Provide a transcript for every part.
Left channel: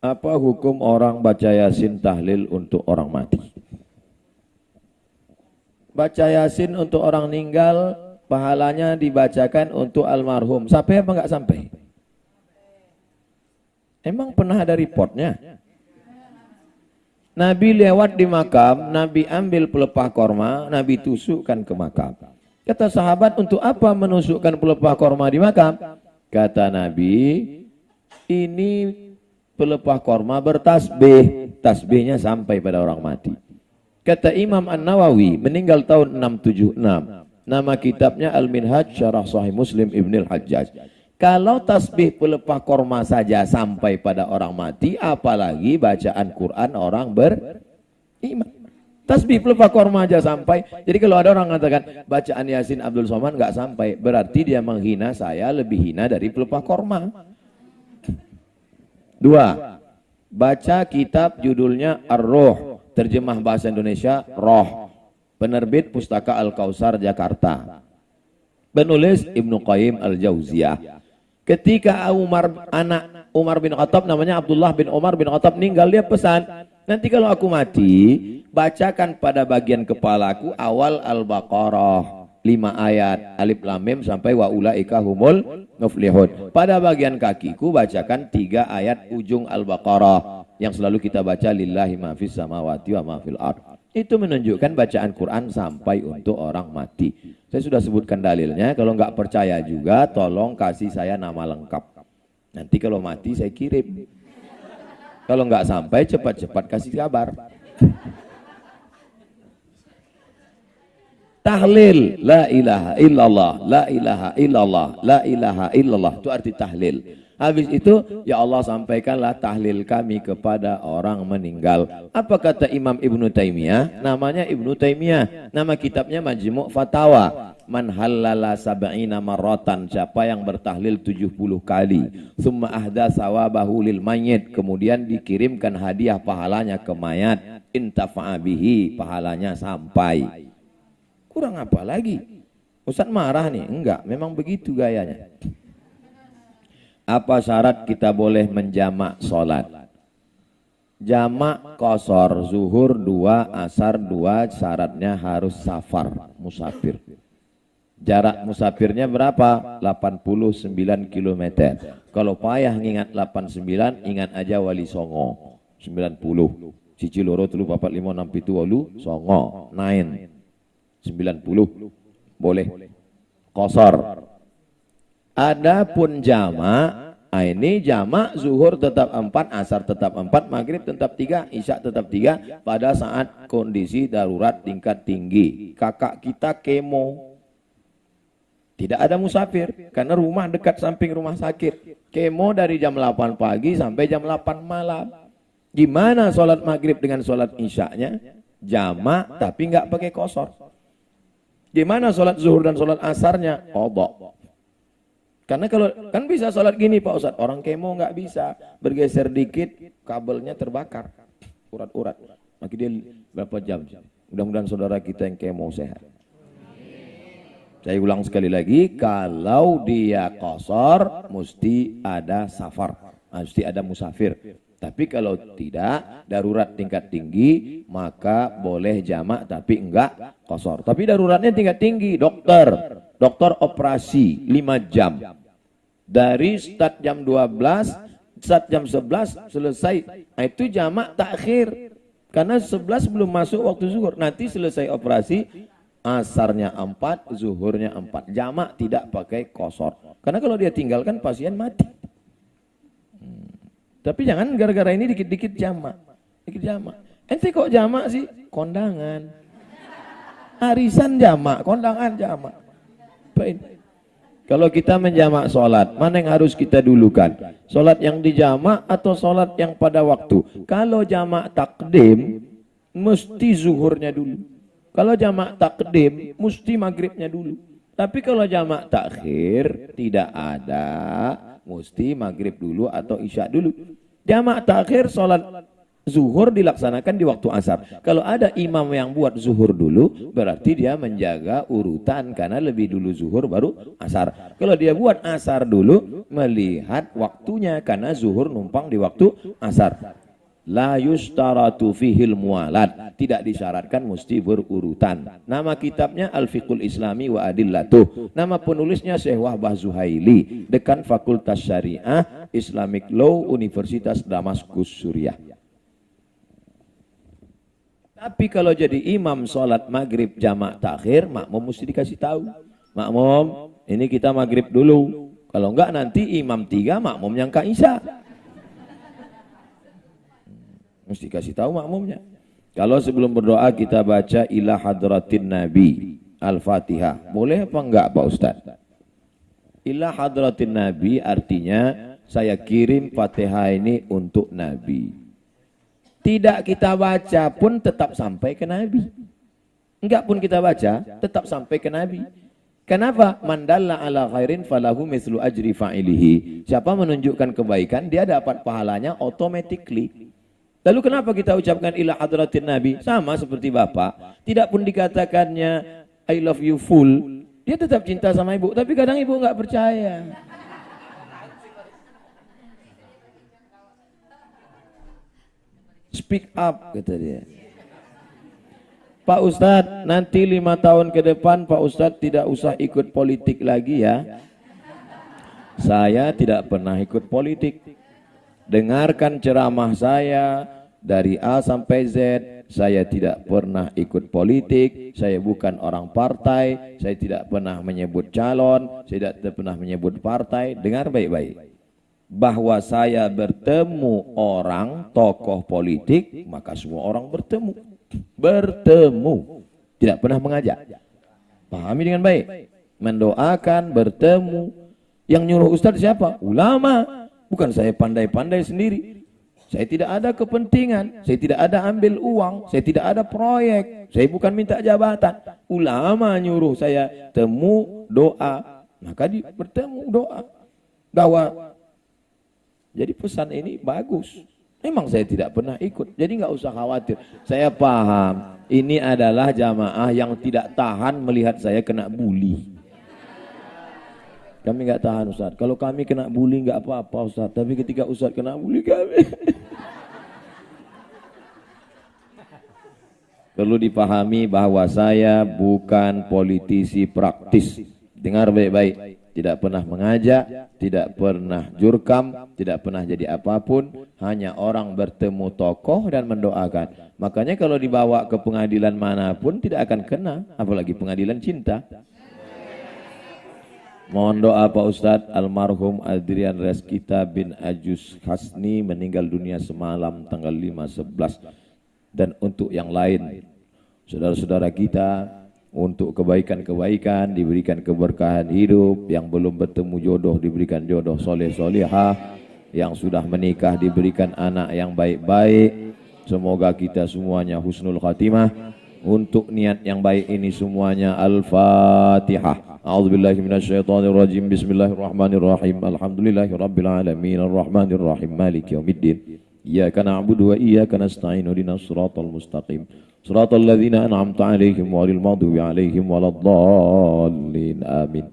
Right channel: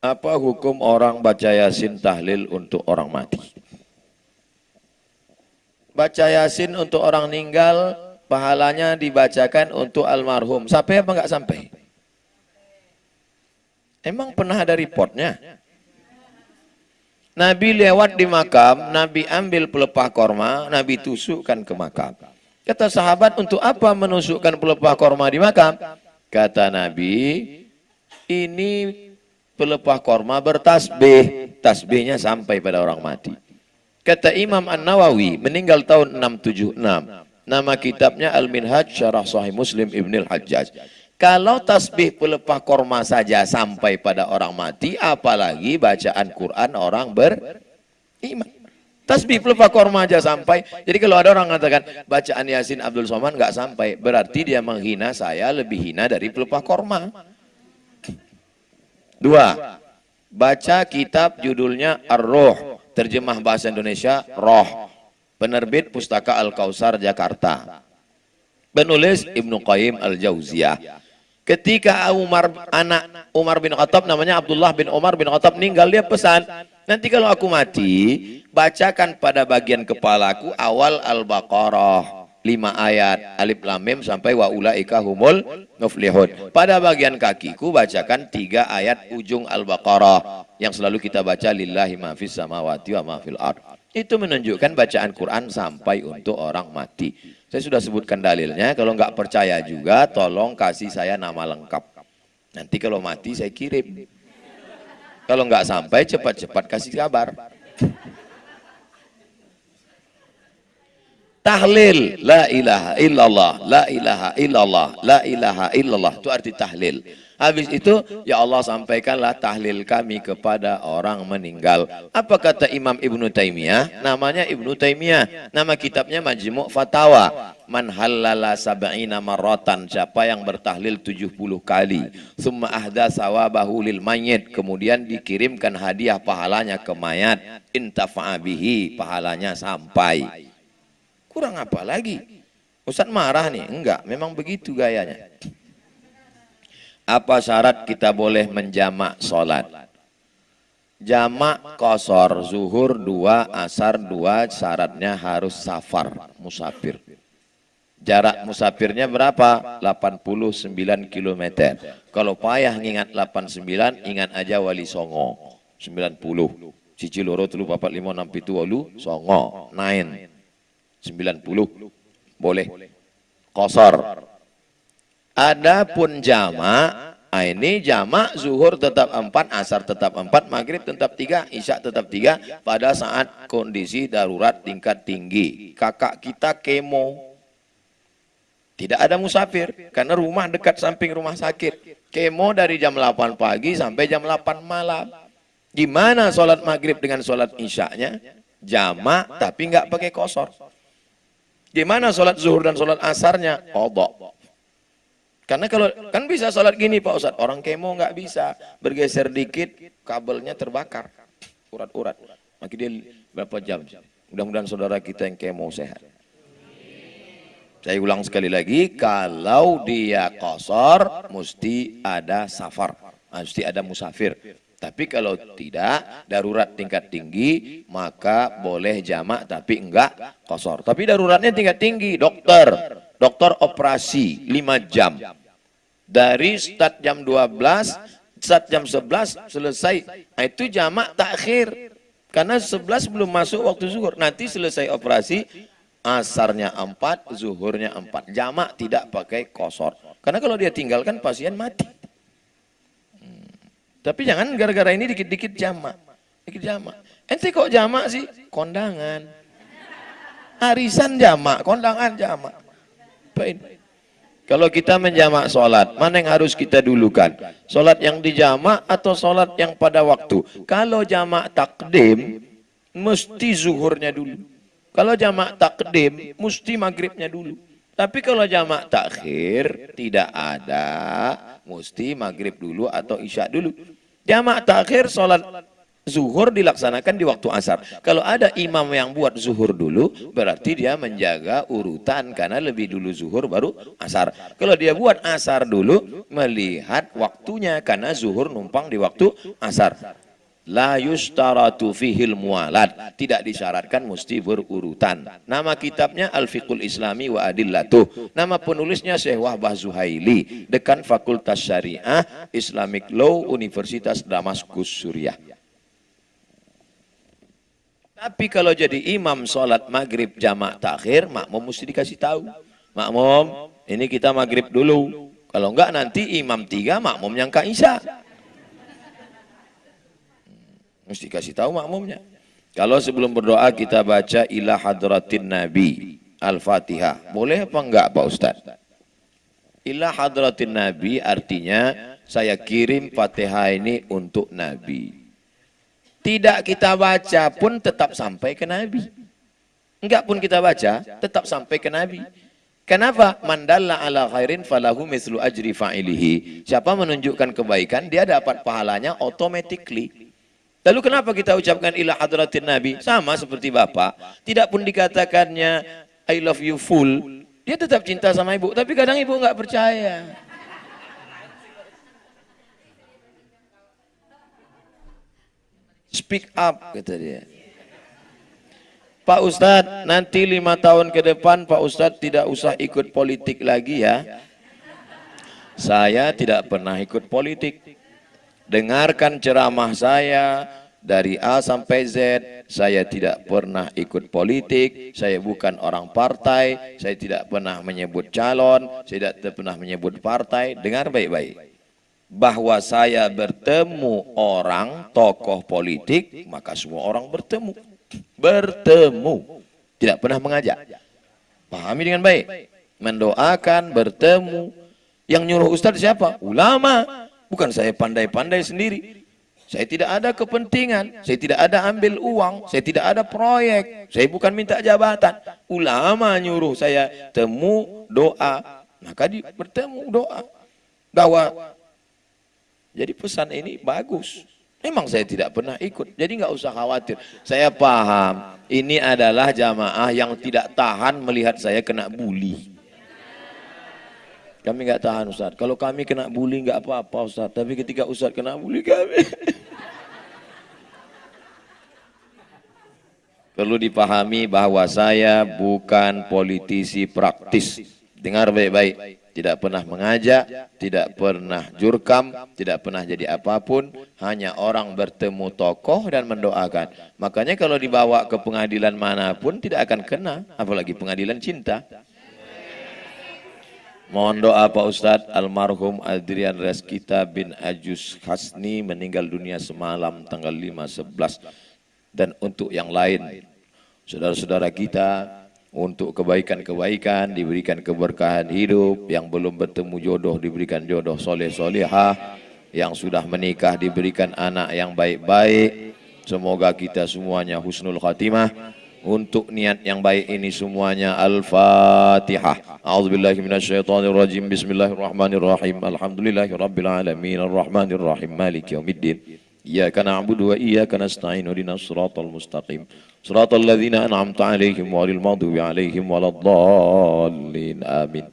Apa hukum orang baca Yasin tahlil untuk orang mati? Baca Yasin untuk orang meninggal, pahalanya dibacakan untuk almarhum. Sampai apa enggak sampai? Emang pernah ada reportnya? Nabi lewat di makam, Nabi ambil pelepah korma, Nabi tusukkan ke makam. Kata sahabat, untuk apa menusukkan pelepah korma di makam? Kata Nabi, ini pelepah korma bertasbih, tasbihnya sampai pada orang mati. Kata Imam An-Nawawi, meninggal tahun 676. Nama kitabnya Al-Minhaj Syarah Sahih Muslim Ibnul Hajjaj. Kalau tasbih pelepah korma saja sampai pada orang mati, apalagi bacaan Quran orang beriman. Tasbih pelepah korma aja sampai. Jadi kalau ada orang mengatakan bacaan Yasin Abdul Somad nggak sampai, berarti dia menghina saya lebih hina dari pelepah korma. Dua, baca kitab judulnya Ar-Ruh, terjemah bahasa Indonesia Roh, penerbit Pustaka Al-Kausar Jakarta, penulis Ibnu Qayyim Al-Jauziyah. Ketika anak Umar bin Khattab, namanya Abdullah bin Umar bin Khattab, meninggal, dia pesan, nanti kalau aku mati, bacakan pada bagian kepalaku awal Al-Baqarah 5 ayat, alif lam mim sampai wa ulaika humul muflihun. Pada bagian kakiku bacakan 3 ayat ujung Al-Baqarah yang selalu kita baca, lillahi ma fis samawati wa ma fil ard. Itu menunjukkan bacaan Quran sampai untuk orang mati. Saya sudah sebutkan dalilnya, kalau nggak percaya juga tolong kasih saya nama lengkap. Nanti kalau mati saya kirim. Kalau nggak sampai cepat-cepat kasih kabar. Tahlil, la ilaha illallah, la ilaha illallah, la ilaha illallah, itu arti tahlil. Habis itu, ya Allah sampaikanlah tahlil kami kepada orang meninggal. Apa kata Imam Ibnu Taimiyah? Namanya Ibnu Taimiyah. Nama kitabnya Majmu' Fatawa. Man halala sab'ina marratan, siapa yang bertahlil 70 kali. Summa ahda sawabahu lil mayyit, kemudian dikirimkan hadiah pahalanya ke mayat. Intafa'a bihi, pahalanya sampai. Kurang apa lagi? Ustaz marah nih? Enggak, memang begitu gayanya. Apa syarat kita boleh menjamak sholat? Jamak qashar, zuhur 2, asar 2, syaratnya harus safar, musafir. Jarak musafirnya berapa? 89 km. Kalau payah ngingat 89, ingat aja Wali Songo 90. Cici loro telu papat 5 6 7 8 Songo 9 90. Boleh qashar. Adapun jamak, ini jamak zuhur tetap 4, asar tetap 4, maghrib tetap 3, isya tetap 3 pada saat kondisi darurat tingkat tinggi. Kakak kita kemo, tidak ada musafir karena rumah dekat samping rumah sakit. Kemo dari jam 8 pagi sampai jam 8 malam. Gimana sholat maghrib dengan sholat isyanya? Jamak tapi nggak pakai qashar. Gimana sholat zuhur dan sholat asarnya? Qadha. Karena kalau kan bisa sholat gini Pak Ustadz, orang kemo nggak bisa, bergeser dikit kabelnya terbakar, urat-urat. Maka dia berapa jam? Mudah-mudahan saudara kita yang kemo sehat. Saya ulang sekali lagi, kalau dia qashar mesti ada safar, mesti ada musafir. Tapi kalau tidak, darurat tingkat tinggi, maka boleh jamak tapi enggak qashar. Tapi daruratnya tingkat tinggi, dokter operasi 5 jam. Dari start jam 12, start jam 11 selesai. Nah, itu jamak takhir. Karena 11 belum masuk waktu zuhur. Nanti selesai operasi, asarnya 4, zuhurnya 4. Jamak tidak pakai qashar. Karena kalau dia tinggalkan pasien mati. Tapi jangan gara-gara ini dikit-dikit jamak. Dikit jamak. Ente kok jamak sih? Kondangan. Arisan jamak, kondangan jamak. Kalau kita menjamak sholat, mana yang harus kita dulukan? Sholat yang dijamak atau sholat yang pada waktu? Kalau jamak takdim, mesti zuhurnya dulu. Kalau jamak takdim, mesti maghribnya dulu. Tapi kalau jamak takhir, tidak ada, mesti maghrib dulu atau isya dulu. Jamak takhir sholat Zuhur dilaksanakan di waktu asar. Kalau ada imam yang buat zuhur dulu, berarti dia menjaga urutan karena lebih dulu zuhur baru asar. Kalau dia buat asar dulu, melihat waktunya karena zuhur numpang di waktu asar. La yustaratu fihil mualat, tidak disyaratkan mesti berurutan. Nama kitabnya Al-Fiqhul Islami wa Adillatuh. Nama penulisnya Syekh Wahbah Zuhaili, dekan Fakultas Syariah Islamic Law Universitas Damaskus Suriah. Tapi kalau jadi imam sholat maghrib jamak takhir, makmum mesti dikasih tahu. Makmum, ini kita maghrib dulu. Kalau enggak nanti imam 3, makmum yang isya. Mesti kasih tahu makmumnya. Kalau sebelum berdoa kita baca ila hadratin Nabi Al-Fatihah. Boleh apa enggak Pak Ustaz? Ila hadratin Nabi artinya saya kirim Fatihah ini untuk Nabi. Tidak kita baca pun tetap sampai ke Nabi. Enggak pun kita baca, tetap sampai ke Nabi. Kenapa? Mandalla ala khairin falahu mislu ajri fa'ilihi. Siapa menunjukkan kebaikan, dia dapat pahalanya automatically. Lalu kenapa kita ucapkan ila hadratin Nabi? Sama seperti Bapak. Tidak pun dikatakannya I love you full. Dia tetap cinta sama ibu, tapi kadang ibu enggak percaya. Speak up, kata dia. Pak Ustadz, nanti 5 tahun ke depan Pak Ustadz tidak usah ikut politik lagi ya. Saya tidak pernah ikut politik. Dengarkan ceramah saya dari A sampai Z. Saya tidak pernah ikut politik. Saya bukan orang partai. Saya tidak pernah menyebut calon. Saya tidak pernah menyebut partai. Dengar baik-baik. Bahwa saya bertemu orang tokoh politik, maka semua orang bertemu. Tidak pernah mengajak. Pahami dengan baik. Mendoakan, bertemu. Yang nyuruh Ustadz siapa? Ulama. Bukan saya pandai-pandai sendiri. Saya tidak ada kepentingan. Saya tidak ada ambil uang. Saya tidak ada proyek. Saya bukan minta jabatan. Ulama nyuruh saya temu, doa. Maka bertemu, doa. Bahwa jadi pesan ini bagus. Memang saya tidak pernah ikut, jadi nggak usah khawatir. Saya paham, ini adalah jamaah yang tidak tahan melihat saya kena bully. Kami nggak tahan Ustaz. Kalau kami kena bully nggak apa-apa Ustaz. Tapi ketika Ustaz kena bully kami. Perlu dipahami bahwa saya bukan politisi praktis. Dengar baik-baik. Tidak pernah mengajak, tidak pernah jurkam, tidak pernah jadi apapun, hanya orang bertemu tokoh dan mendoakan. Makanya kalau dibawa ke pengadilan manapun tidak akan kena, apalagi pengadilan cinta. Mohon doa Pak Ustadz, almarhum Adrian Reskita bin Ajus Hasni meninggal dunia semalam tanggal 5/11. Dan untuk yang lain, saudara-saudara kita, untuk kebaikan-kebaikan diberikan keberkahan hidup, yang belum bertemu jodoh diberikan jodoh soleh-solehah, yang sudah menikah diberikan anak yang baik-baik. Semoga kita semuanya husnul khatimah. Untuk niat yang baik ini semuanya Al-Fatihah. A'udzubillahi minasyaitonirrajim. Bismillahirrahmanirrahim. Alhamdulillahirabbil alamin arrahmanir rahim maliki yaumiddin. Iyyaka na'budu wa iyyaka nasta'in ihdinas siratal mustaqim. Shiratal ladzina an'amta 'alaihim ghairil maghdubi 'alaihim waladdallin. Amin.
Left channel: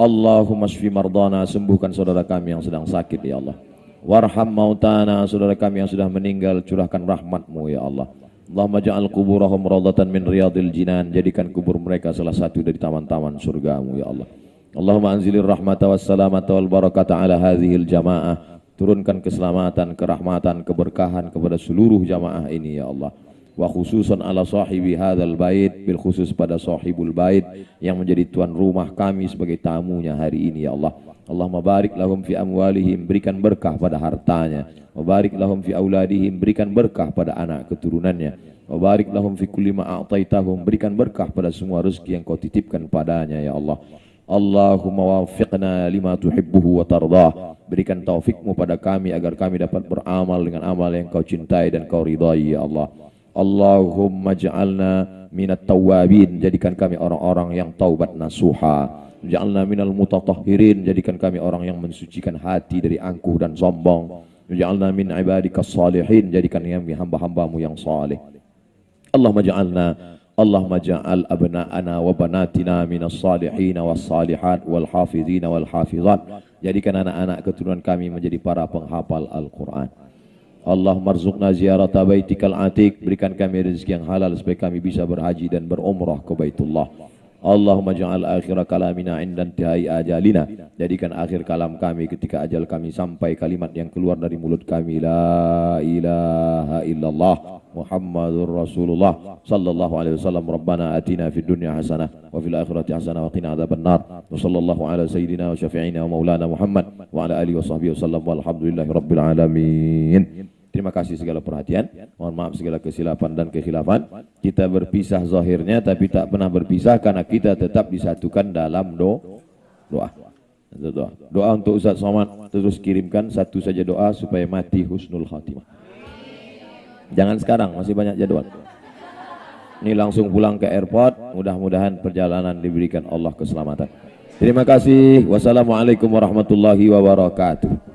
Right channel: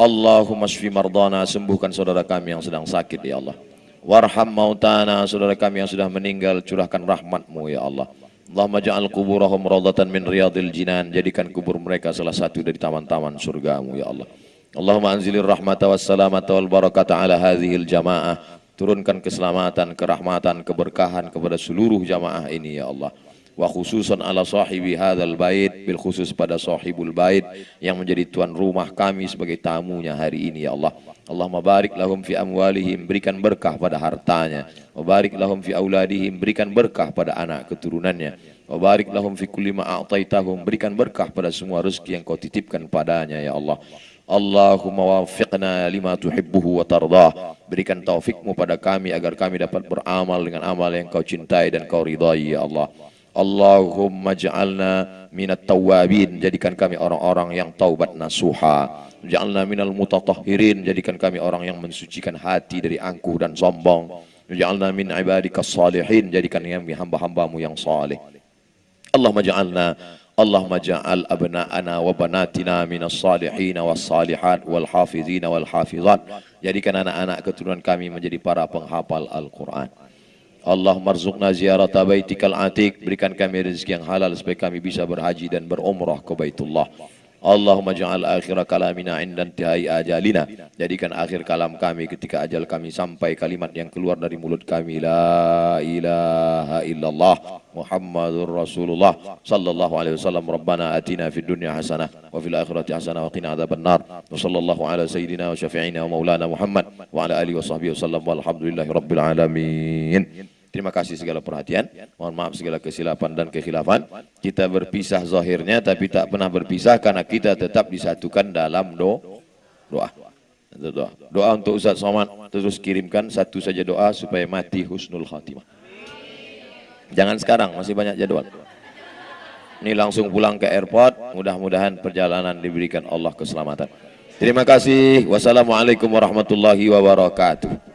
Allahumma shfi mardana, sembuhkan saudara kami yang sedang sakit ya Allah. Warham mautana, saudara kami yang sudah meninggal, curahkan rahmat-Mu ya Allah. Allahumma ja'al kuburahum rawdatan min riyadil jinan, jadikan kubur mereka salah satu dari taman-taman surga-Mu ya Allah. Allahumma anzilir rahmata wassalamata wal barakata ala hadhil jamaah. Turunkan keselamatan, kerahmatan, keberkahan kepada seluruh jamaah ini ya Allah. Wa khususan ala sahibi hadzal bait, bil khusus pada sahibul bait yang menjadi tuan rumah kami sebagai tamunya hari ini ya Allah. Allahumma barik lahum fi amwalihim, berikan berkah pada hartanya. Wa barik lahum fi auladihim, berikan berkah pada anak keturunannya. Wa barik lahum fi kulli ma a'taitahum, berikan berkah pada semua rezeki yang Kau titipkan padanya ya Allah. Allahumma wafiqna lima tuhibbuhu wa tardah, berikan taufikmu pada kami agar kami dapat beramal dengan amal yang Kau cintai dan Kau ridai ya Allah. Allahumma ja'alna minat tawabin, jadikan kami orang-orang yang taubat nasuha. Ja'alna minal mutatahhirin, jadikan kami orang yang mensucikan hati dari angkuh dan sombong. Ja'alna min ibadikas salihin, jadikan kami hamba-hambamu yang saleh. Allahumma ja'al abna'ana wa banatina minas salihin was salihat wal hafizin wal hafizat. Jadikan anak-anak keturunan kami menjadi para penghafal Al-Quran. Allahumma rzuqna ziyarata baitikal atiq, berikan kami rezeki yang halal supaya kami bisa berhaji dan berumrah ke Baitullah. Allahumma ja'al akhir kalamina inda intihai ajalina, jadikan akhir kalam kami ketika ajal kami sampai kalimat yang keluar dari mulut kami, la ilaha illallah Muhammadur Rasulullah sallallahu alaihi wasallam. Rabbana atina fid dunya hasanah wa fil akhirati hasanah wa qina adzabannar. Wa sallallahu ala sayyidina wa syafi'ina wa maulana Muhammad wa ala alihi wa sahbihi wasallam walhamdulillahi rabbil alamin. Terima kasih segala perhatian. Mohon maaf segala kesilapan dan kekhilafan. Kita berpisah zahirnya tapi tak pernah berpisah karena kita tetap disatukan dalam doa. Doa untuk Ustaz Somad, terus kirimkan satu saja doa supaya mati husnul khatimah. Jangan sekarang, masih banyak jadwal. Ini langsung pulang ke airport, mudah-mudahan perjalanan diberikan Allah keselamatan. Terima kasih. Wassalamualaikum warahmatullahi wabarakatuh.